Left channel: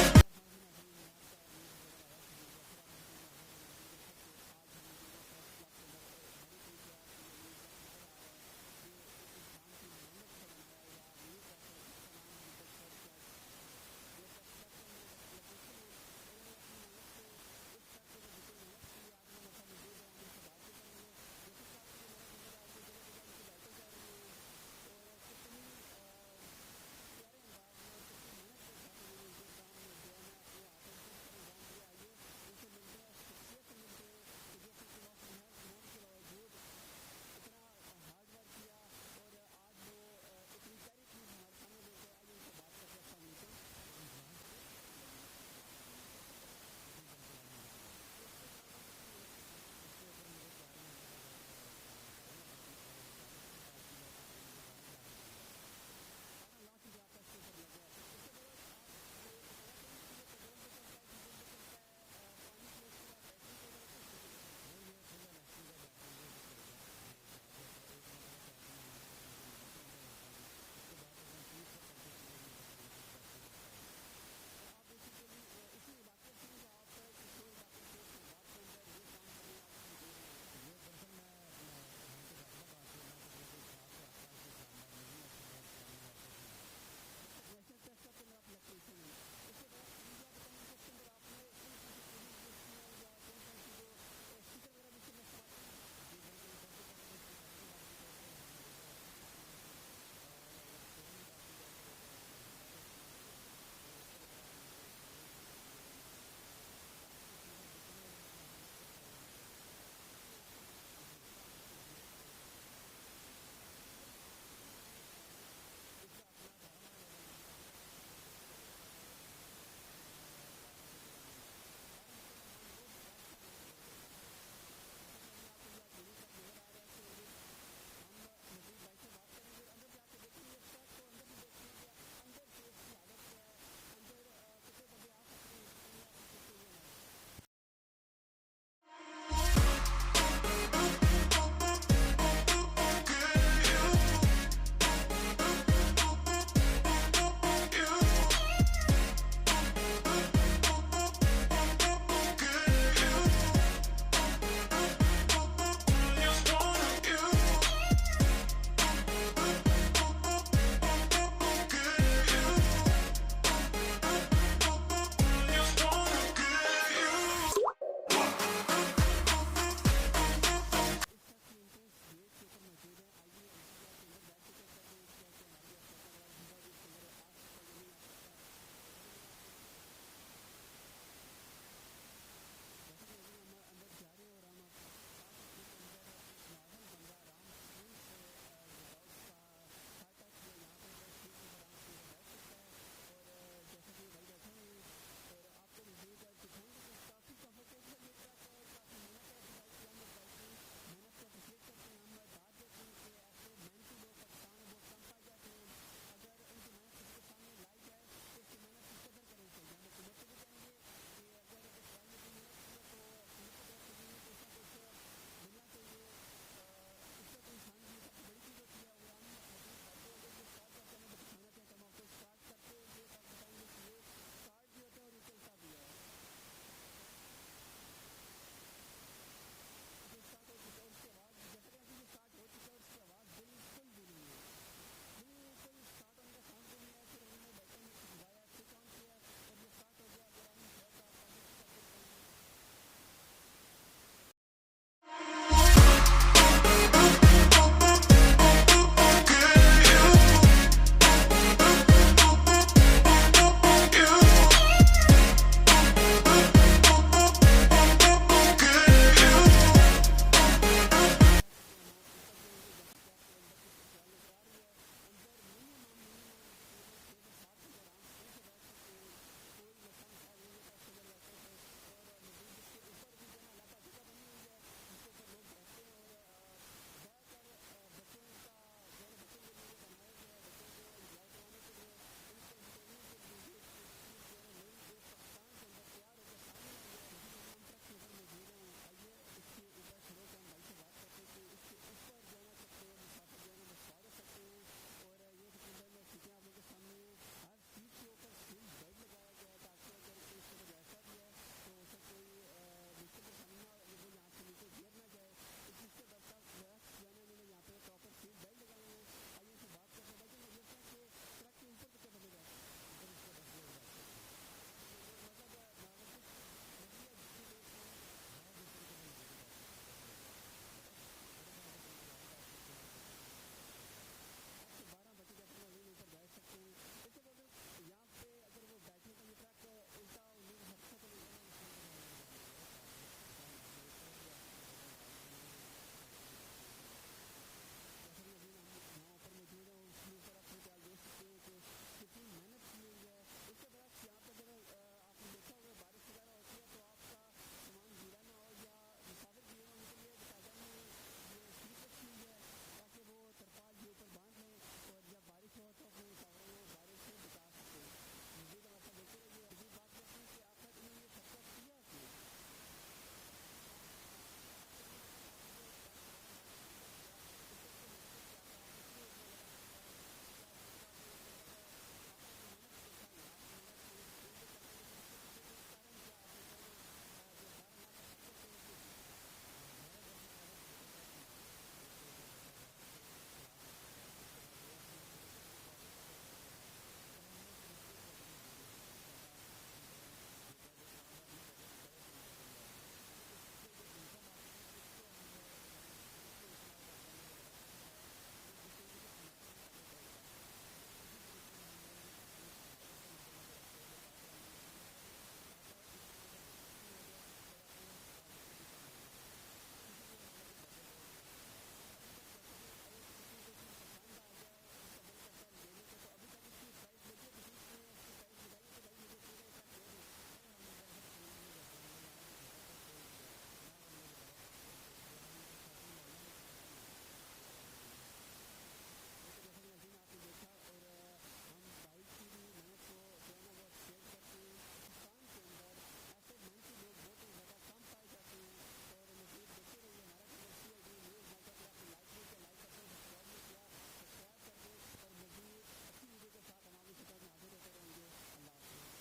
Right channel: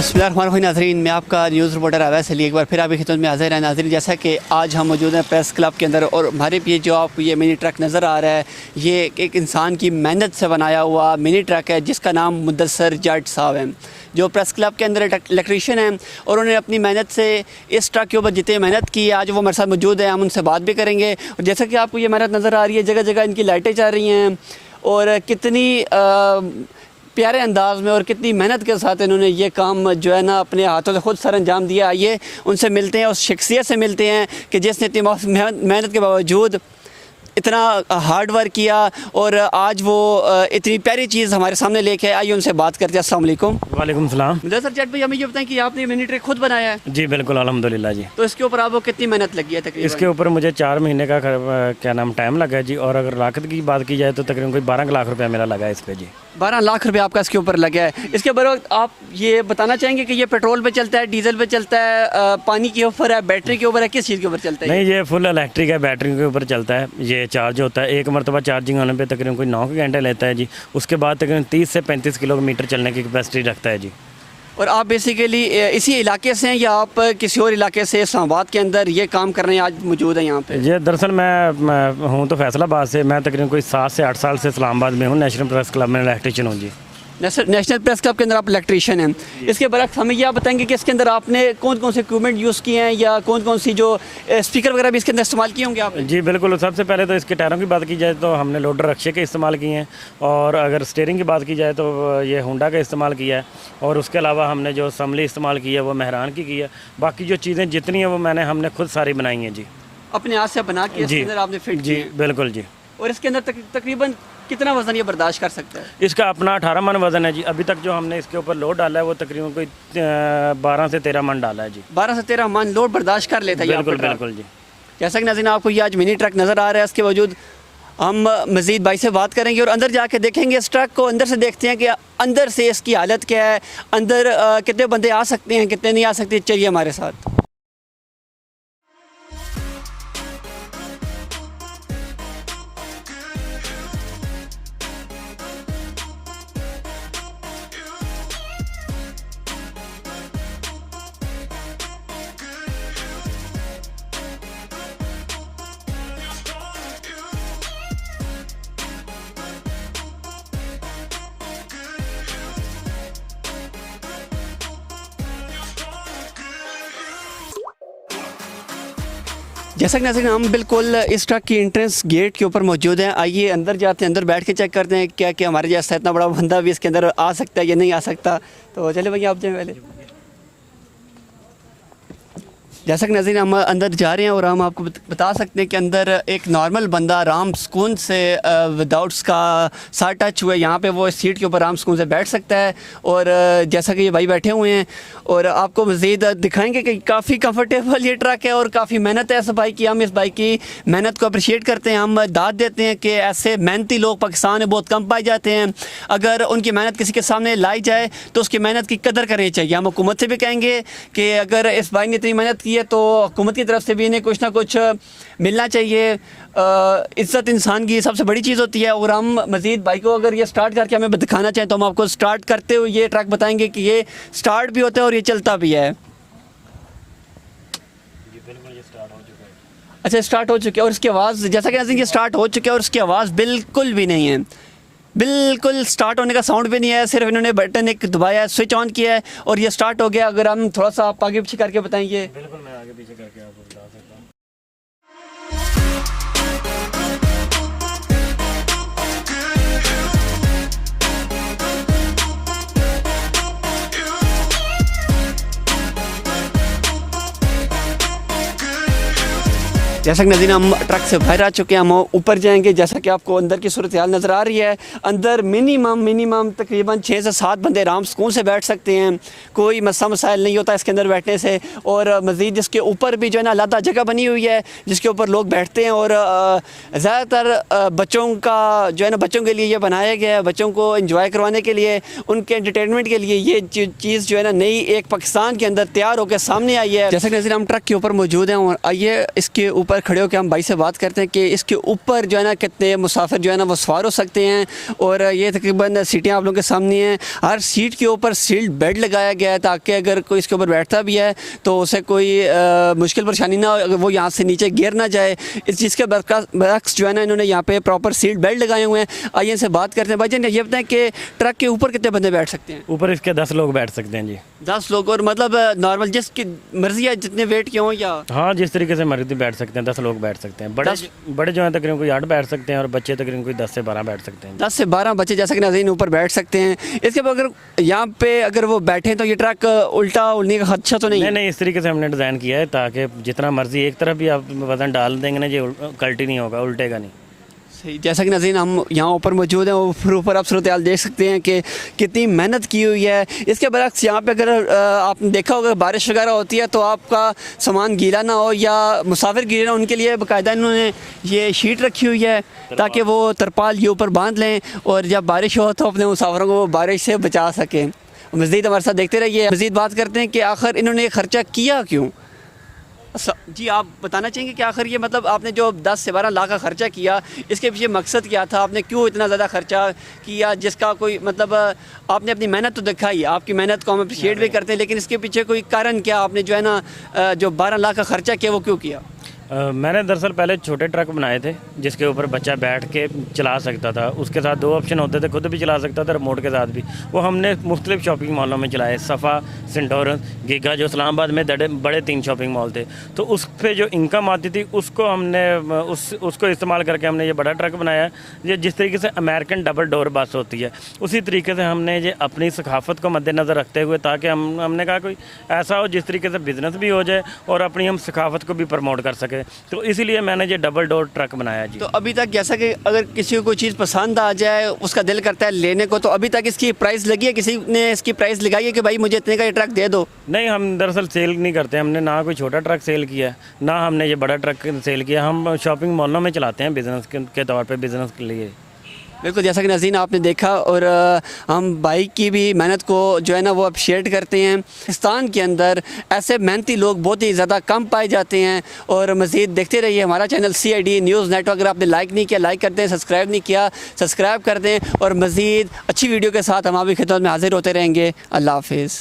बिस्मिल्लाहिर्रहमानिर्रहीम नाज़रीन, मैं आपका न्यूज़ रिपोर्टर अवैस अली एक बार फिर आपकी खिदमत में हाज़िर है। नाज़रीन, जैसा कि आज हम मौजूद हैं प्रेस क्लब के अंदर और हमारे पीछे जो आप ये मिनी ट्रक नज़र आ रहा है, ये एक इंसान की मेहनत से बनाया हुआ मिनी ट्रक है जिसका नाम मुदस्सर जट साहब है, जो प्रेस क्लब के अंदर इलेक्ट्रीशियन हैं और उन्होंने अपनी मेहनत से इस ट्रक के ऊपर जितनी मेहनत की है आज वो हमारे साथ मौजूद है। हम उनसे बात भी करेंगे और जैसा कि आपको ये मेहनत नज़र आ रही है, जगह जगह इनकी लाइटें चल रही हैं और कितनी प्यारे अंदाज में और कितनी मेहनत के साथ इन्होंने ये काम जो है ना अपने हाथों से खुद सर अंजाम दिया। आइए उनसे मिलते हैं, उस शख्सियत से मिलते हैं कि जिसने इतनी मेहनत के बावजूद इतना हार्ड वर्क किया और आज वो इतनी प्यारी चीज़ हमारे सामने लेके आए। आइए उनसे बात करते हैं। अस्सलाम वालेकुम। वालेकुम सलाम। मुदस्सर जट भाई, हमें ये बताएं कि आपने मिनी ट्रक खुद बनाया है? जी बिल्कुल, अल्हम्दुलिल्लाह जी। तो इसके ऊपर आपको कितनी मेहनत लगी है तकरीबन? इसके ऊपर मुझे 4 महीने का क्या नाम टाइम लगा है जी, और अगर लागत की बात की जाए तो तकरीबन कोई 12 लाख रुपया मेरा लगा है इस पर जी। 12 लाख रुपये आपका इसके ऊपर लगा है। इसके बरवक्त आप ये बताना चाहेंगे कि ये पेट्रोल पे चलता है, डीजल पे चलता है, पानी के ऊपर है, बैटरी के ऊपर है, किस चीज़ के ऊपर चलता है? नहीं, ये फुल इलेक्ट्रिक है, बैटरी के ऊपर चलता है। ये चार्ज होता है, एक मरतबा चार्जिंग होने पे तकरीबन कोई 9 घंटे लेता है जी। उसके बाद तकरीबन 30 से 35 किलोमीटर चलने की कैपेसिटी रखता है जी। और आप बेसिकली इसी इलाके से हैं या आप किसी और इलाके से इस्लामाबाद के अंदर ये काम कर रहे हैं, आज मौजूद है यहाँ पे? ये दरअसल मैं हूँ तो फैसलाबाद से, मैं तकरीबन कोई 7 से 8 साल से इस्लामाबाद में हूँ, नेशनल प्रेस क्लब में इलेक्ट्रीशियन हूँ जी। नेशनल प्रेस क्लब के अंदर आप इलेक्ट्रीशियन हैं। इसके बरक्स हमें यह बताएंगे कि इसके अंदर आपने कौन कौन से इक्विपमेंट यूज़ किए हैं या कौन कौन सी जो स्पीकर वगैरह भी इसके अंदर इस्तेमाल किए होंगे आपने? जी बिल्कुल। सबसे पहले तो इसके टायरों की बात की जाए तो हमने लोडर रक्शे के इस्तेमाल किए हैं, और अगर स्टीयरिंग की बात की जाए तो ये होंडा का इस्तेमाल किया है, और उसके अलावा हमने जो असम्बली इस्तेमाल की है वो मेहरान की है। बाकी जो चीज़ें जितनी हैं वो हमने खुद सारी बनाई हैं जी, अपने हाथ से बना के इसके अंदर आपने फिट जी बिल्कुल जी। और इसके अंदर तकरीबन कितना वज़न ये बर्दाश्त कर सकता है? इसका अपना 18 मन वज़न है जी। अभी तक जो हमने इसके ऊपर लोड डाला है वो तकरीबन कोई 12 से 13 मन डाला है जी। 12 से 13 मन लोड बर्दाश्त कर लेता है? बिल्कुल बिल्कुल जी। जैसा कि नाज़रीन आपको ये आज मिनी ट्रक नज़र आ रहा है, इसके बावजूद हम मज़ीद भाई से बात करेंगे और अंदर जाके देखेंगे इस ट्रक को, अंदर से देखते हैं कि अंदर से इसकी हालत क्या है, अंदर कितने बंदे आ सकते हैं, कितने नहीं आ सकते। चलिए हमारे साथ। जैसा कि नाज़रीन हम बिल्कुल इस ट्रक की एंट्रेंस गेट के ऊपर मौजूद हैं। आइए अंदर जाते हैं, अंदर बैठ के चेक करते हैं क्या कि हमारे जैसा इतना बड़ा बंदा भी इसके अंदर आ सकता है या नहीं आ सकता। तो चले भैया आप जाए पहले। जैसा कि नाज़रीन हम अंदर जा रहे हैं और हम आपको बता सकते हैं कि अंदर एक नॉर्मल बंदा आराम सुकून से विदाउट उसका साथ टच हुए यहाँ पे वो इस सीट के ऊपर आराम सुकून से बैठ सकता है। और जैसा कि ये भाई बैठे हुए हैं और आपको मज़ीद दिखाएंगे कि काफ़ी कंफर्टेबल ये ट्रक है और काफ़ी मेहनत है इस भाई की। हम इस भाई की मेहनत को अप्रिशिएट करते हैं, हम दाद देते हैं कि ऐसे मेहनती लोग पाकिस्तान में बहुत कम पाए जाते हैं। अगर उनकी मेहनत किसी के सामने लाई जाए तो उसकी मेहनत की कदर करनी चाहिए। हम हुकूमत से भी कहेंगे कि अगर इस भाई ने इतनी मेहनत की है तो हुकूमत की तरफ से भी इन्हें कुछ ना कुछ मिलना चाहिए। इज़्ज़त इंसान की सबसे बड़ी चीज़ होती है। और हम मज़ीद भाई को अगर ये स्टार्ट करके हमें दिखाना चाहें तो हम आपको स्टार्ट करते हुए ये ट्रक बताएंगे कि ये स्टार्ट भी होता है और ये चलता भी है। अच्छा, स्टार्ट हो चुके हैं और इसकी आवाज़ जैसा कि ये स्टार्ट हो चुके हैं और उसकी आवाज़ बिल्कुल भी नहीं है, बिल्कुल स्टार्ट होने का साउंड भी नहीं है। सिर्फ इन्होंने बटन एक दबाया है, स्विच ऑन किया है और ये स्टार्ट हो गया। अगर हम थोड़ा सा आप आगे पीछे करके बताएंगे। बिल्कुल, मैं आगे पीछे करके आपको बता सकता हूँ। जैसा कि नाज़रीन हम ट्रक से बाहर आ चुके हैं, हम ऊपर जाएंगे। जैसा कि आपको अंदर की सूरत हाल नज़र आ रही है, अंदर मिनिमम तकरीबन 6 से 7 बंदे आराम सुकून से बैठ सकते हैं, कोई मसला मसाइल नहीं होता इसके अंदर बैठने से। और मज़ीद जिसके ऊपर भी जो है ना अलग जगह बनी हुई है जिसके ऊपर लोग बैठते हैं। और ज़्यादातर बच्चों का जो है ना बच्चों के लिए ये बनाया गया है, बच्चों को इंजॉय करवाने के लिए, उनके एंटरटेनमेंट के लिए ये चीज़ जो है ना नई एक पाकिस्तान के अंदर तैयार होकर सामने आई है। जैसा कि नाज़रीन हम ट्रक के ऊपर मौजूद हैं और आइए इसके ऊपर बाहर खड़े होकर हम भाई से बात करते हैं कि इसके ऊपर जो है ना कितने मुसाफिर जो है ना वो सवार हो सकते हैं। और ये तकरीबन सीटें आप लोगों के सामने हैं। हर सीट के ऊपर सील्ड बेड लगाया गया है ताकि अगर कोई इसके ऊपर बैठता भी है तो उसे कोई मुश्किल परेशानी ना हो, अगर वो यहाँ से नीचे गिर ना जाए। इस चीज़ के बरक्स जो है ना इन्होंने यहाँ पे प्रॉपर सील्ड बेल्ट लगाए हुए हैं। आइए इनसे बात करते हैं। भाई जान ये बताएं कि ट्रक के ऊपर कितने बंदे बैठ सकते हैं? ऊपर इसके 10 लोग बैठ सकते हैं जी। 10 लोग। और मतलब नॉर्मल जिसकी मर्जी है जितने वेट के हों या? हाँ, जिस तरीके से मर्जी बैठ सकते हैं, 10 लोग बैठ सकते हैं। बड़े जो हैं तकरीबन कोई 8 बैठ सकते हैं और बच्चे तकरीबन कोई 10 से 12 बैठ सकते हैं। 10 से 12 बच्चे जैसा कि नाज़रीन ऊपर बैठ सकते हैं। इसके बाद अगर यहाँ पे अगर वो बैठें तो ये ट्रक उल्टा उड़ने का खदशा तो नहीं? नहीं, इस तरीके से हमने डिज़ाइन किया है ताकि जितना मर्जी एक तरफ भी आप वजन डाल देंगे ना, ये कल्टी नहीं होगा, उल्टेगा नहीं। सही। जैसा कि नाज़रीन हम यहाँ ऊपर मौजूद हैं, ऊपर आप सूरत हाल देख सकते हैं कि कितनी मेहनत की हुई है। इसके बरक्स यहाँ पे अगर आपने देखा होगा बारिश वगैरह होती है तो आपका सामान गीला ना हो या मुसाफिर गीले ना, उनके लिए बाकायदा इन्होंने ये शीट रखी हुई है ताकि वो तरपाल ये ऊपर बांध लें और जब बारिश हो तो अपने मुसाफिरों को बारिश से बचा सकें। मज़ीद हमारे साथ देखते रहिए। मज़ीद बात करते हैं कि आखिर इन्होंने ये ख़र्चा किया क्यों। जी आप बताना चाहेंगे कि आखिर ये मतलब आपने जो 10 से 12 लाख का ख़र्चा किया, इसके पीछे मकसद क्या था? आपने क्यों इतना ज़्यादा ख़र्चा किया जिसका कोई मतलब आपने अपनी मेहनत तो दिखाई, आपकी मेहनत को हम अप्रिशिएट भी करते हैं, लेकिन इसके पीछे कोई कारण क्या? आपने जो है ना जो 12 लाख का ख़र्चा किया वो क्यों किया? मैंने दरअसल पहले छोटे ट्रक बनाए थे जिसके ऊपर बच्चा बैठ के चला सकता था। उसके साथ 2 ऑप्शन होते थे, खुद भी चला सकता था, रिमोट के साथ भी। वो हमने मुख्तलिफ शॉपिंग मॉलों में चलाए, सफ़ा, सेंटोरन, गीगा, जो इस्लामाबाद में बड़े 3 शॉपिंग मॉल थे। तो उस पर जो इनकम आती थी उसको हमने उसको इस्तेमाल करके हमने ये बड़ा ट्रक बनाया। ये जिस तरीके से अमेरिकन डबल डोर बस होती है उसी तरीके से हमने ये अपनी सकाफत को मद्देनज़र रखते हुए, ताकि हमने कहा कोई ऐसा हो जिस तरीके से बिज़नेस भी हो जाए और अपनी हम सकाफत को भी प्रमोट कर सकें, तो इसीलिए मैंने ये डबल डोर ट्रक बनाया जी। तो अभी तक जैसा कि अगर किसी को कोई चीज़ पसंद आ जाए, उसका दिल करता है लेने को, तो अभी तक इसकी प्राइस लगी है? किसी ने इसकी प्राइस लगाई है कि भाई मुझे इतने का ये ट्रक दे दो? नहीं, हम दरअसल सेल नहीं करते। हमने ना कोई छोटा ट्रक सेल किया है, ना हमने ये बड़ा ट्रक सेल किया। हम शॉपिंग मॉलों में चलाते हैं बिज़नेस के तौर पर, बिज़नेस के लिए। बिल्कुल, जैसा कि नाज़रीन आपने देखा। और हम भाई की भी मेहनत को जो है ना वो अप्रिशिएट करते हैं। पाकिस्तान के अंदर ऐसे मेहनती लोग बहुत ही ज़्यादा कम पाए जाते हैं। और मज़ीद देखते रहिए हमारा चैनल CID न्यूज़ नेटवर्क। अगर आपने लाइक नहीं किया लाइक कर दें, सब्सक्राइब नहीं किया सब्सक्राइब कर दें। और मज़ीद अच्छी वीडियो के साथ हम आपकी खिदमत में हाजिर होते रहेंगे। अल्लाह हाफिज़।